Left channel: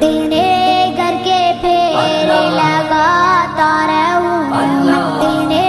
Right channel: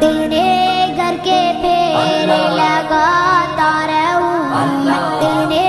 تیرے گھر کے پھیرے لگاتا رہوں، تیرے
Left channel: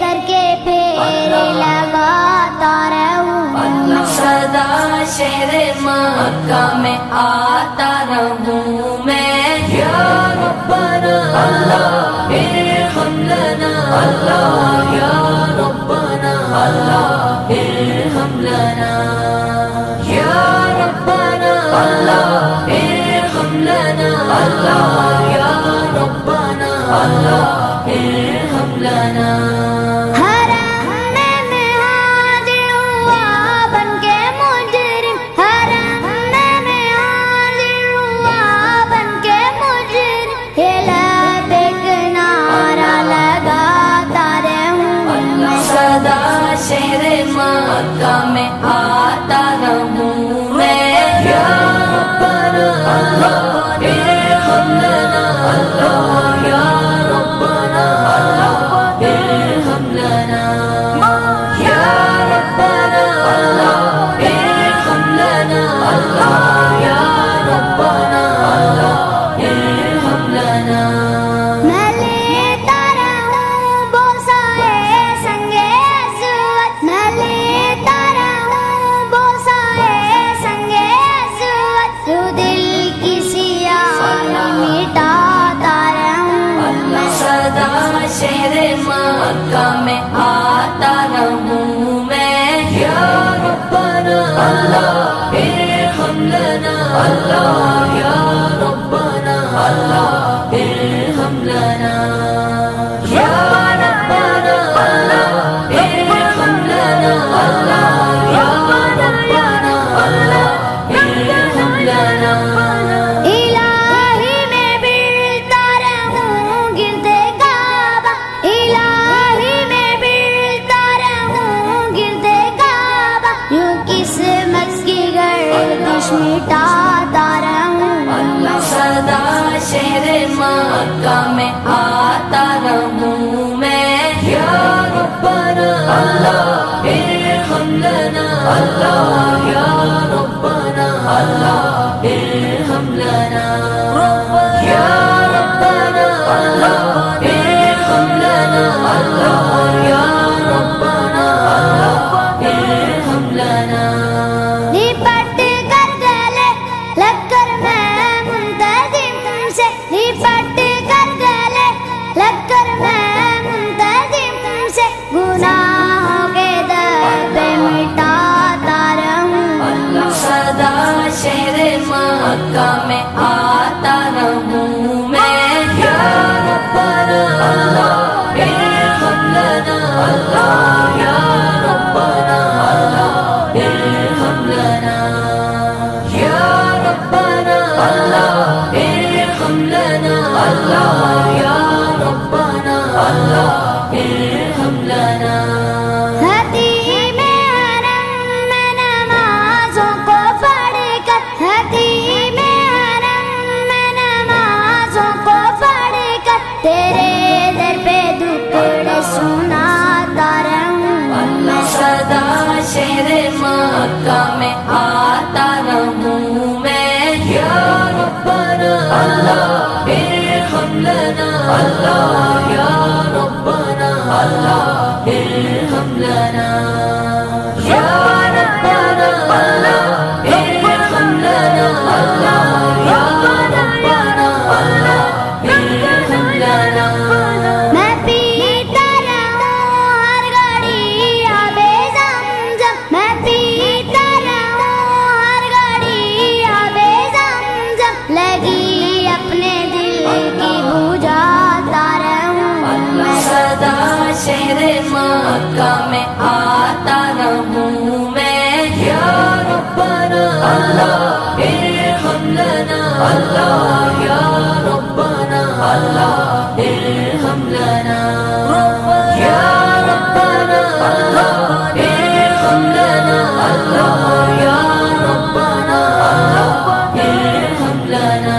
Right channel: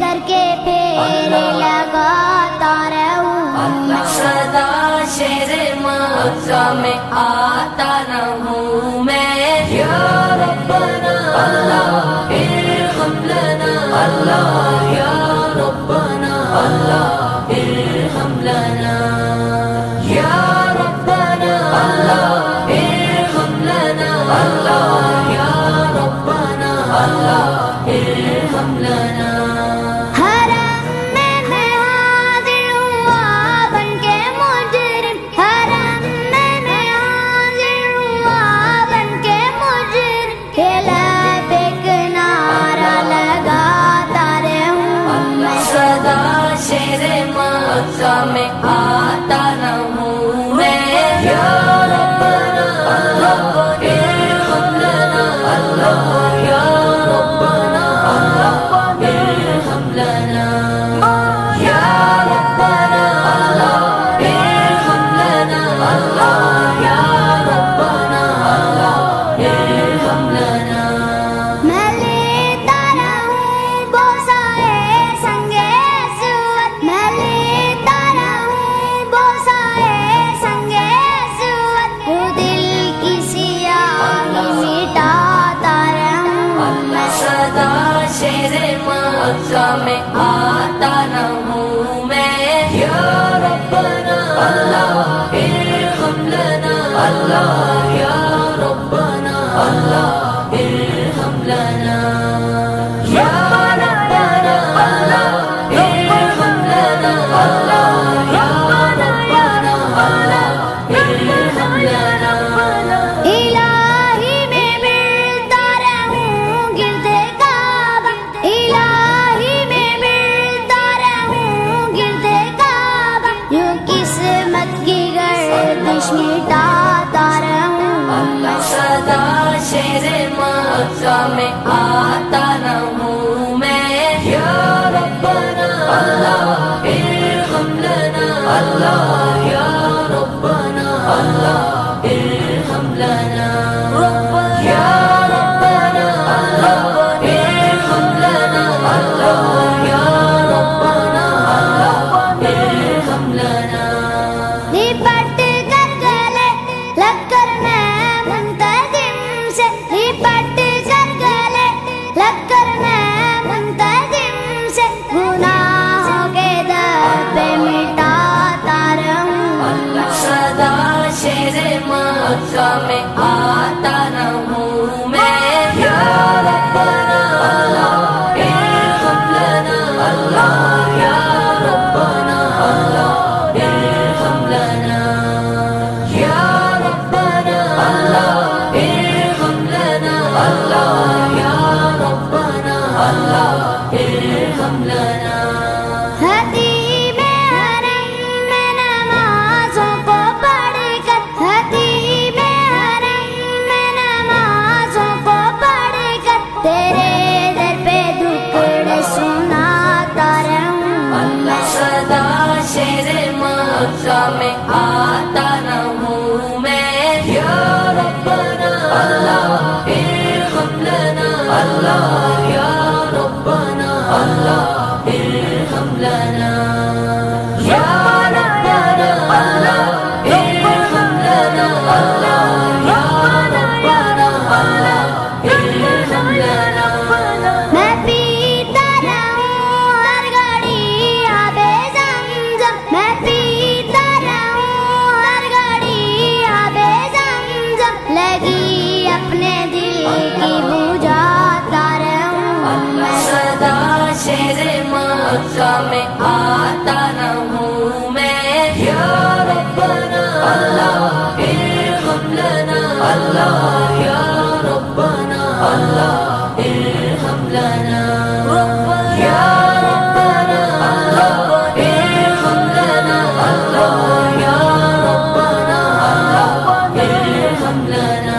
گھر کے پھیرے لگاتا رہوں، سدا شہر مکہ میں آتا رہوں میں، یا ربنا اللہ ارحم لنا اللہ، یا ربنا اللہ ارحم لنا، یا ربنا اللہ ارحم لنا اللہ، یا ربنا اللہ ارحم لنا۔ حرم میں حاضر ہوا بن کے مجرم، حرم میں حاضر ہوا بن کے مجرم، یہ لب ایک نعرہ لگاتا رہوں میں، سدا شہر مکہ میں آتا رہوں میں، یا ربنا اللہ ارحم لنا اللہ، یا ربنا اللہ ارحم لنا، یا ربنا اللہ ارحم لنا اللہ، یا ربنا اللہ ارحم لنا۔ میں لیتا رہوں بوسائے سنگے اسود، میں لیتا رہوں بوسائے سنگے اسود، جو دل کی سیاہی مٹاتا رہوں میں، سدا شہر مکہ میں آتا رہوں میں، یا ربنا اللہ ارحم لنا اللہ، یا ربنا اللہ ارحم لنا، یا ربنا اللہ ارحم لنا اللہ، یا ربنا اللہ ارحم لنا۔ الہی میں بلتا رہوں گردے کعبہ، الہی میں بلتا رہوں گردے کعبہ، یوں قسمت کی گردش مٹاتا رہوں میں، سدا شہر مکہ میں آتا رہوں میں، یا ربنا اللہ ارحم لنا اللہ، یا ربنا اللہ ارحم لنا، یا ربنا اللہ ارحم لنا اللہ، یا ربنا اللہ ارحم لنا۔ لپٹ کر گلے لگ کر میں منتظم سے، لپٹ کر گلے لگ کر میں منتظم سے، گناہوں کے دبے مٹاتا رہوں، سدا شہر مکہ میں آتا رہوں میں، یا ربنا اللہ ارحم لنا اللہ، یا ربنا اللہ ارحم لنا، یا ربنا اللہ ارحم لنا اللہ، یا ربنا اللہ ارحم لنا۔ حتیم حرم میں نمازوں کو پڑھ کر، حتیم حرم میں نمازوں کو پڑھ کر، تیرے در پہ دکڑے سناتا رہوں میں، سدا شہر مکہ میں آتا رہوں میں، یا ربنا اللہ ارحم لنا اللہ، یا ربنا اللہ ارحم لنا، یا ربنا اللہ ارحم لنا اللہ، یا ربنا اللہ ارحم لنا۔ میں پیتا رہوں ہر گھڑی آب زمزم، میں پیتا رہوں ہر گھڑی آب زمزم، لگی اپنے دل کی بجھاتا رہوں میں، سدا شہر مکہ میں آتا رہوں میں، یا ربنا اللہ ارحم لنا اللہ، یا ربنا اللہ ارحم لنا، یا ربنا اللہ ارحم لنا اللہ، یا ربنا اللہ ارحم لنا۔